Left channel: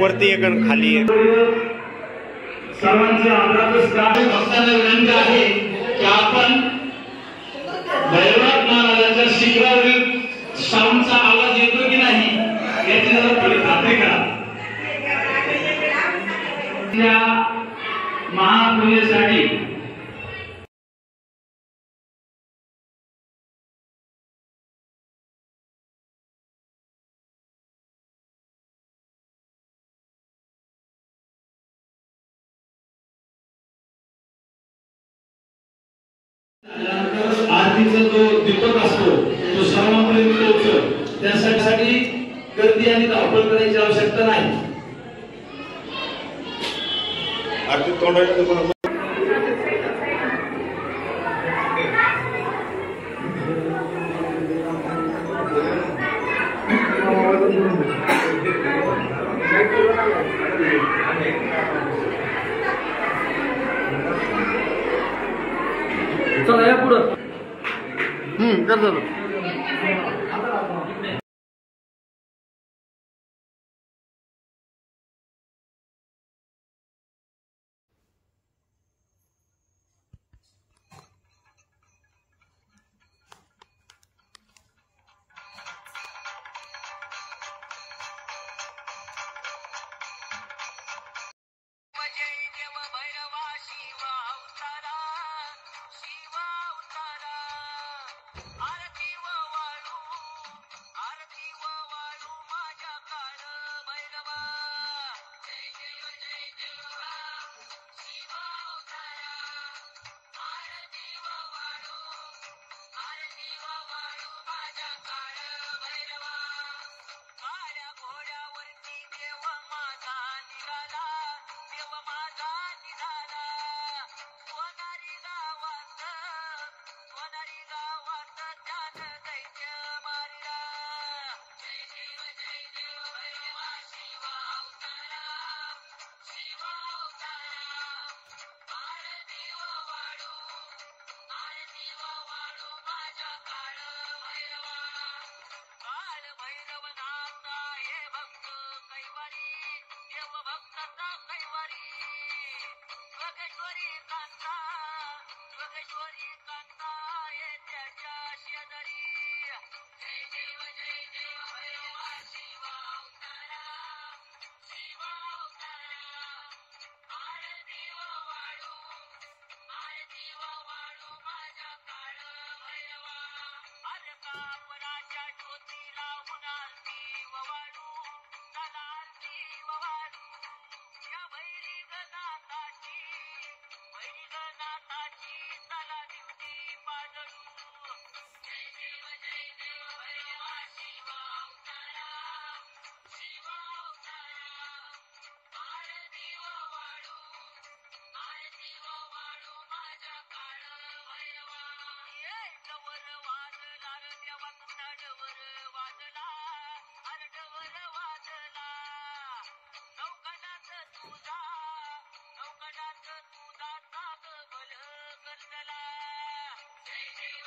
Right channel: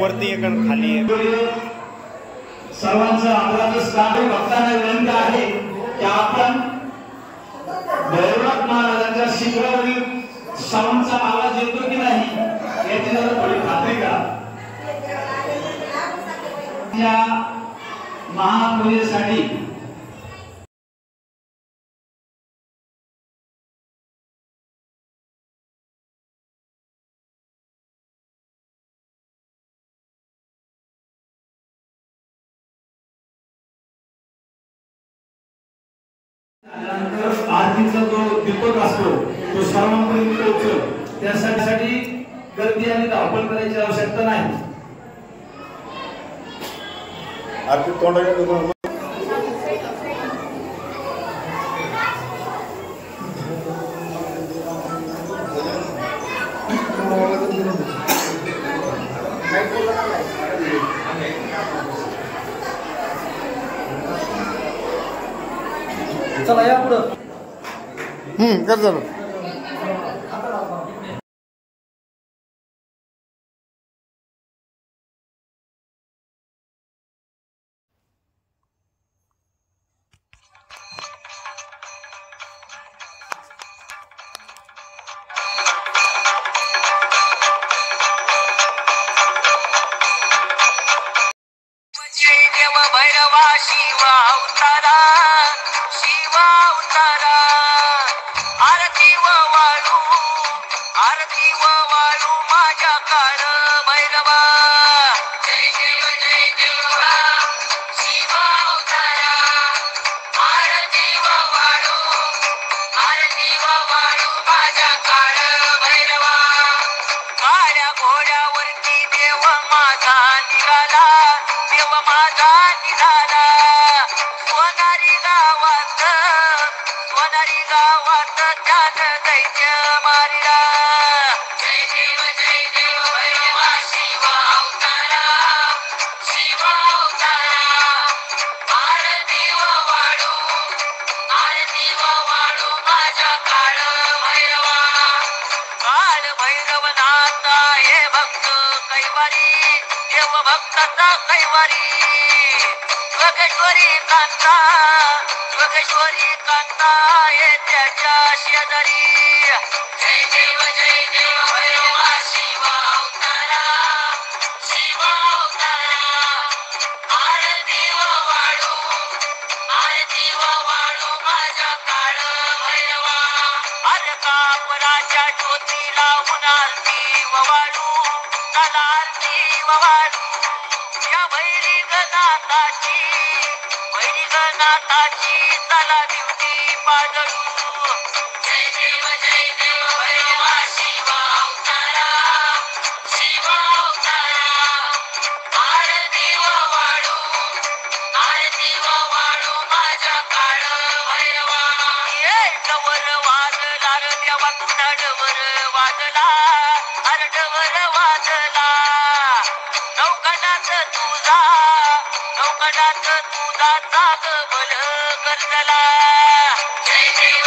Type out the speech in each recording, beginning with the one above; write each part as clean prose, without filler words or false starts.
वरती एक आणि खाली एक. सर्वांचं आदराचं स्थान भक्तांना विनंती आहे की आपण भैरवनाथ महाराजांच्या शिखरावरील साऊंडचा आवाज येतो की नाही याची जरा थोडी खात्री करा. त्या महापूजेसाठी आरतीचा जो दीपक असतो तो सर्वांपर्यंत पोहोचतो. त्यासाठी गर्दी आणि धावपळ करायची आवश्यकता नाही. आरती तोंडाला चला या पुढं. कर झालं. भैरवा शिवा अवतारा, शिवा अवतारा. आरती व वाळू माझ्या काळ भैरवा. जय देवा शिवा अवतारा. आरती व वाळू माझ्या काळ भैरवा. काळ्या घोड्यावरती देव माझा निघाला, देव माझा निघाला. सोनारी गावात त्यात दैत्य मारिला. जय देव भैरवा शिवा अवतारा, शिवा अवतारा. आरती व वाळू माझ्या काळ भैरवा. काळ भैरवनाथ हे भक्त कैवारी, देव भक्ताचा कैवारी. योगेश्वरी कांता हे त्याच्या शेजारी. जय देव भैरवा शिवा अवतारा, शिवा अवतारा. आरती व वाळू माझ्या काळ भैरवा. अरे कापराच्या ज्योती लावून आरती व वाळू, चला आरती व वाळू. या भैरवनाथाची चला दिवशी पाजळू. जय देव भैरवा शिवा अवतारा, शिवा अवतारा. आरती व वाळू माझ्या काळ भैरवा. डवर वाजला रे देवा तुझा डवर वाजला, अरे डवर वाजला. नौकडात तुझा जाग बल करतला. जय देव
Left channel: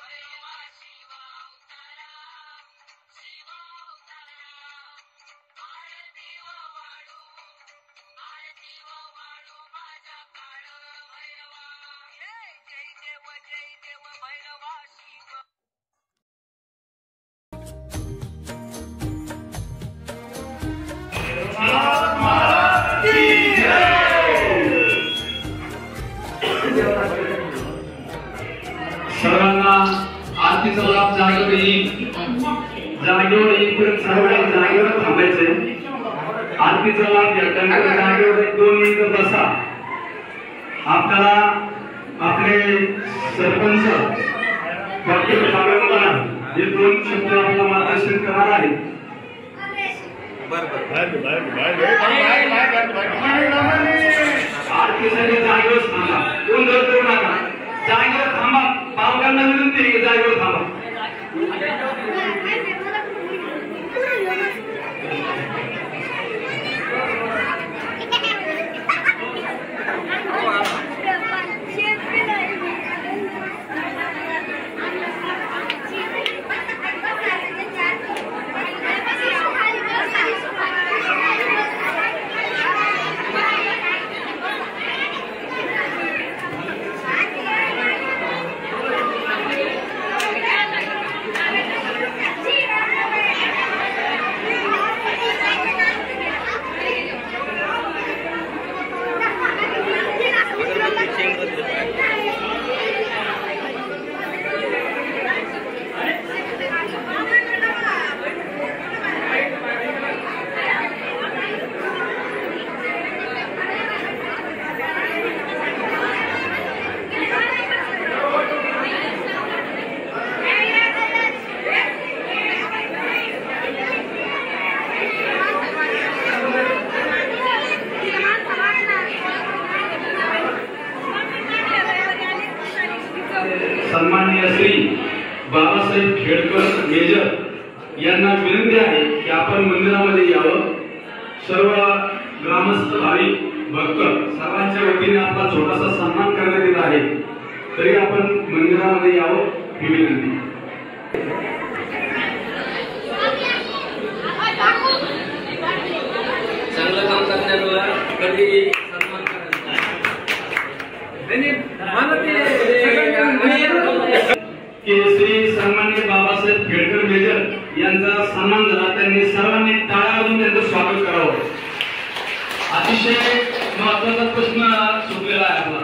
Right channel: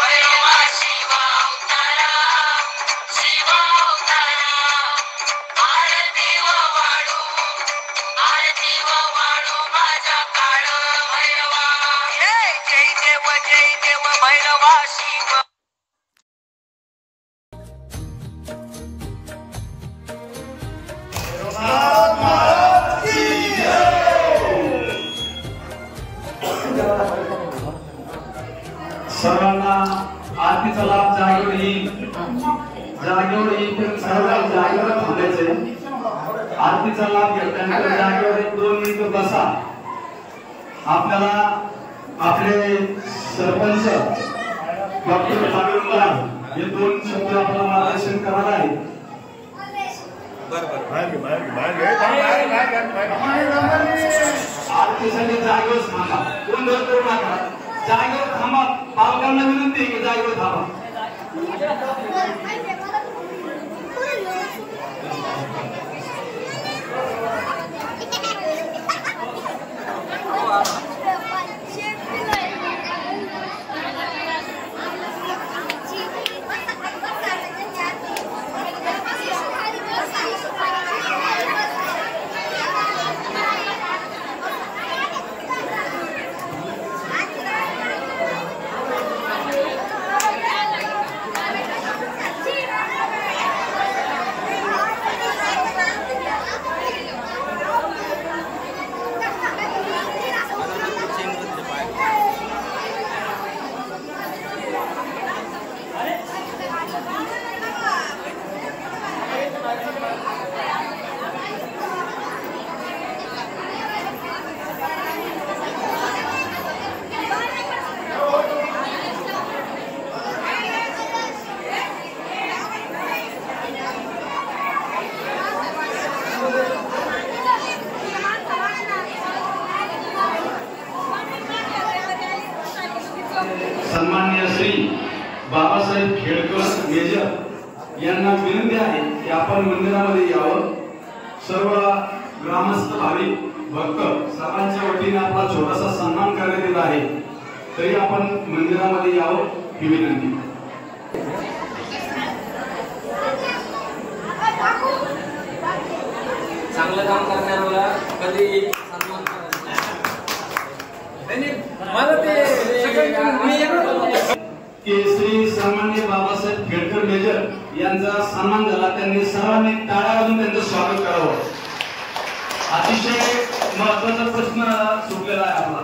भैरवा शिवा अवतारा, शिवा अवतारा. आरती व वाळू माझ्या काळ भैरवा. जय देव भैरवा शिवा. सर्वांना आरतीचा लाभ जागेवर येईल. जागेवर येईपर्यंत सर्वांना जागेवर थांबायचंय. आरतीचा लाभ घेताना जागेवर 1-2 मिनिटं बसा. आपल्याला आपले सरपंच डॉक्टर पाटील हे 2 शब्द आपल्याला मार्गदर्शन करणार आहेत. आरतीसाठी जागेवर थांबा. गोंधळ करू नका. जागेवर थांबा. पालकांना विनंती आहे की जागेवर थांबा. सन्माननीय श्री बाबासाहेब खेडकर मेजर यांना विनंती आहे की आपण मंदिरामध्ये यावं. सर्व ग्रामस्थ भाविक भक्त सर्वांच्या वतीने आपला छोटासा सन्मान करण्यात येत आहे. तरी आपण मंदिरामध्ये यावं ही विनंती. चांगलं काम करणाऱ्याला कधी सन्मान करायचा. श्री सन्माननीय बाबासाहेब खेडकर मेजर यांचा सन्मान झाला. त्यांनी सर्वांनी टाळ्या वाजवून त्यांचं स्वागत करावं. अतिशय महत्वाचा प्रश्न सुटलेला आहे आपला.